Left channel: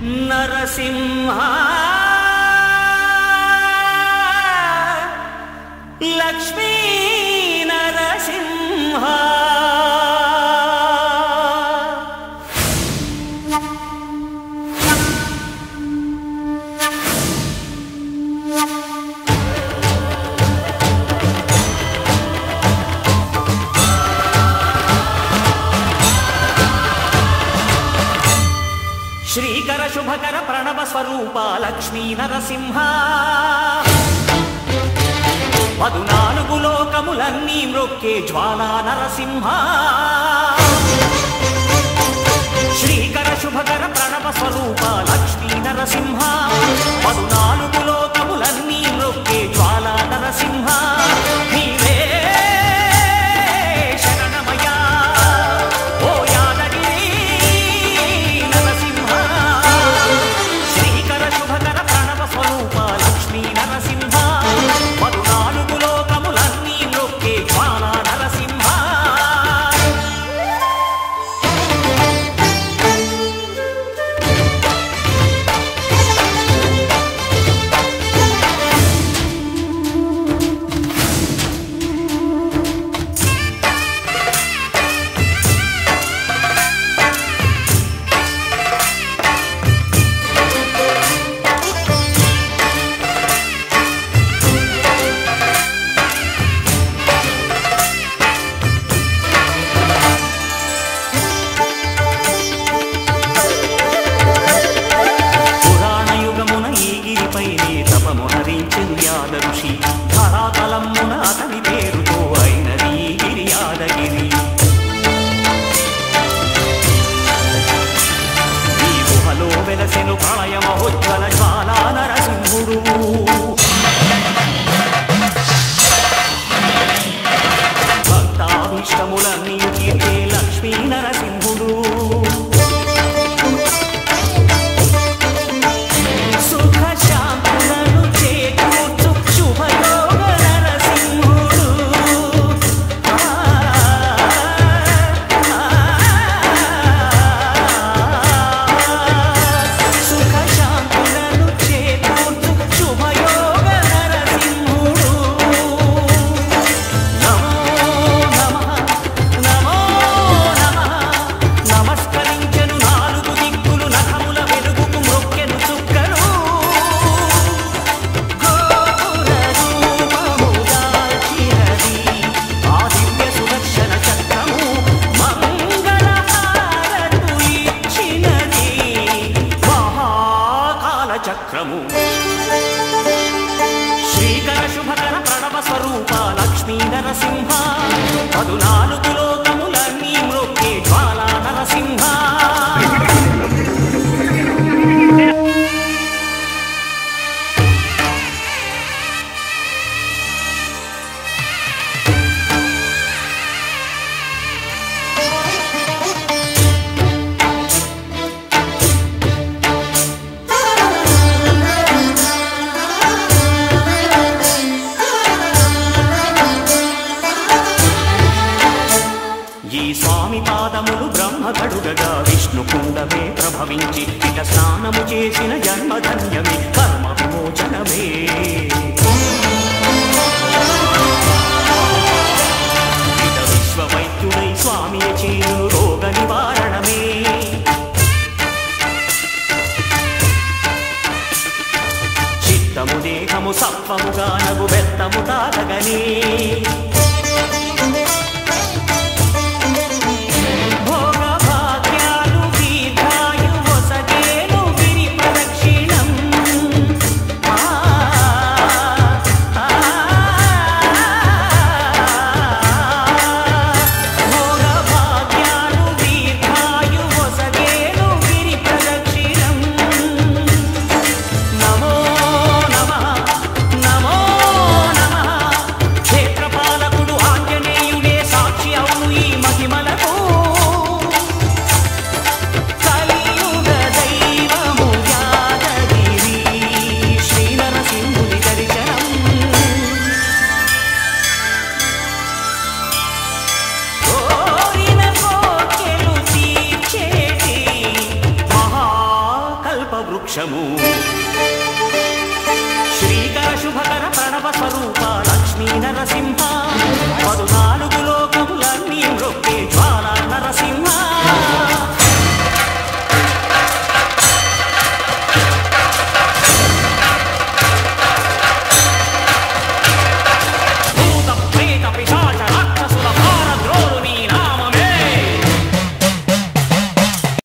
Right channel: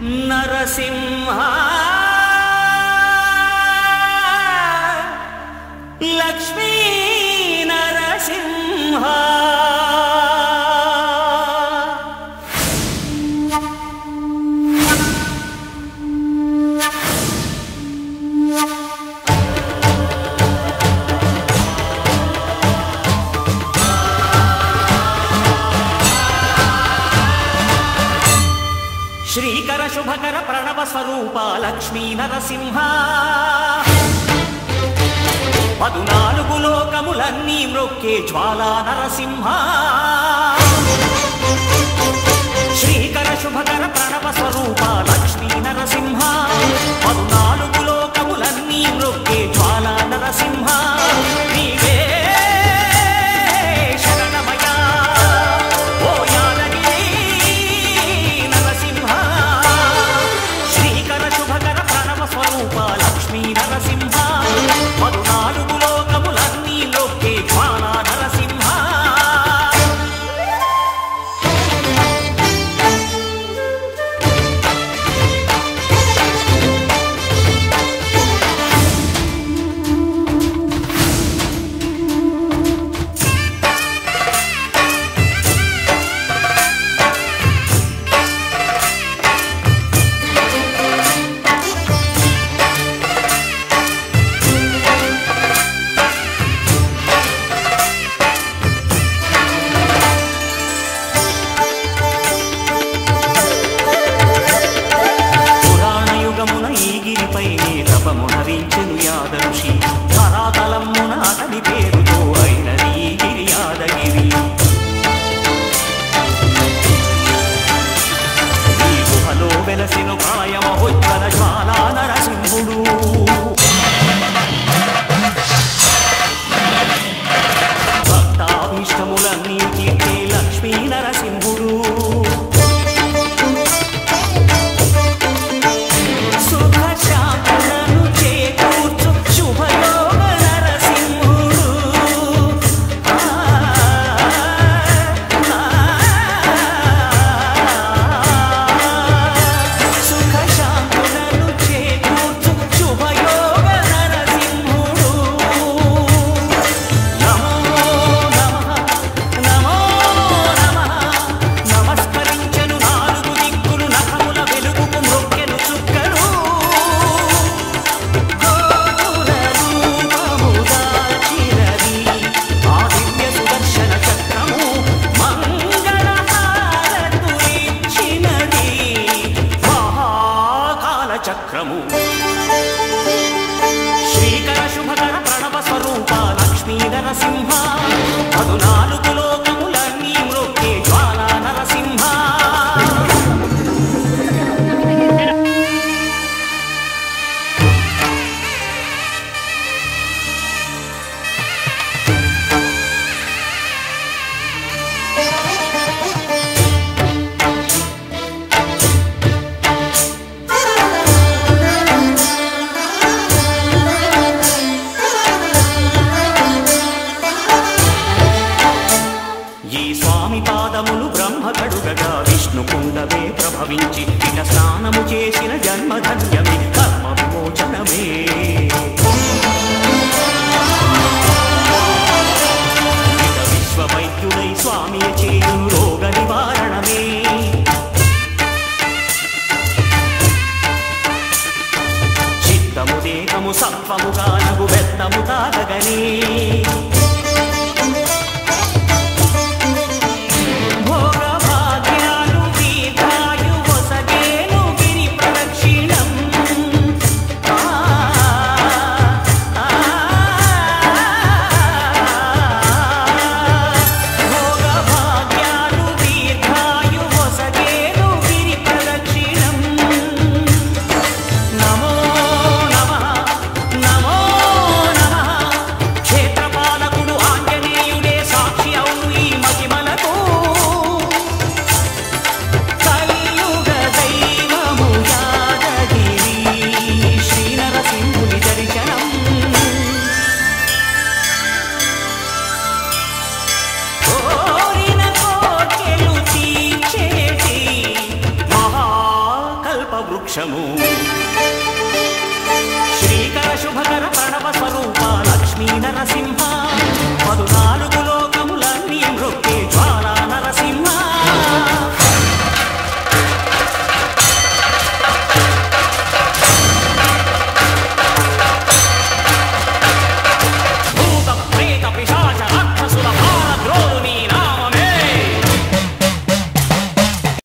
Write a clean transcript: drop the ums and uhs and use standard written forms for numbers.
నరసింహ లక్ష్మీ నరసింహ శ్రీకర శుభకర ప్రణవ స్వరూప లక్ష్మీ నరసింహ 14 లోకములన్నీ మ్రొక్కే జ్వాలా నరసింహ శ్రీకర శుభకర ప్రణవ స్వరూప లక్ష్మీ నరసింహ 14 లోకములన్నీ మ్రొక్కే జ్వాలా నరసింహ నీవే శరణమయ్యా ఓ యాదగిరి నరసింహ శ్రీకర శుభకర ప్రణవ స్వరూప లక్ష్మీ నరసింహ 14 లోకములన్నీ మ్రొక్కే జ్వాలా నరసింహ యుగమున ఈ గిరిపైనే తపమునరించెను యాద ఋషి ధరాతలమ్మున అతని పేరుతో అయినది ఈ గిరి యాదగిరి ఈ గుహలో వెలసెను ప్రళయ మహోజ్వల జ్వాలా నరసింహుడు భక్తాభీష్టములన్నీ తీర్చే లక్ష్మీ నరసింహుడు సుఖ శాంతులను చేకూర్చు శుభయోగ నరసింహుడు సుఖ శాంతులను చేకూర్చు శుభయోగ నరసింహుడు నమో నమః నమో నమః నమస్కరించెను 4 దిక్కులు నఖముల వెలుగుకు మ్రొక్కెను చుక్కలు గోపుర రూపము దాల్చినది ఆ దివ్య సుదర్శన చక్రము మంగళ హారతులిచ్చినది మహాకాల చక్రము శ్రీకర శుభకర ప్రణవ స్వరూప లక్ష్మీ నరసింహ 14 లోకములన్నీ మ్రొక్కే జ్వాలా నరసింహ ఈ స్వామి పాదములు బ్రహ్మ కడుగగా విష్ణు కుండమే ప్రభవించి ఇట స్నానము చేసిన జన్మధన్యమే కర్మ విమోచనమే ఇట విశ్వవైద్యుడై స్వామి చేయును రోగ నివారణమే చిత్తము దేహము సత్వముగా నగు బెత్తము తాగగనే భోగ భాగ్యాలు దీర్ఘాయు వసగేను గిరి ప్రదక్షిణం భోగ భాగ్యాలు దీర్ఘాయు వసగేను గిరి ప్రదక్షిణం నమో నమః నమో నమః క్షేత్రపాలకుడు ఆంజనేయుడే సాక్షి అవును ఈ మహిమలకు కలియుగ దైవము యాదగిరి శ్రీ నరసింహుని దర్శనం కోరిన కోర్కెలు తీర్చేటి మహా కల్పవృక్షము శ్రీకర శుభకర ప్రణవ స్వరూప లక్ష్మీ నరసింహ 14 లోకములన్నీ మ్రొక్కే జ్వాలా నరసింహ భూత ప్రేత పిశాచ రాక్షసుల భారద్రోలు నీ నామమే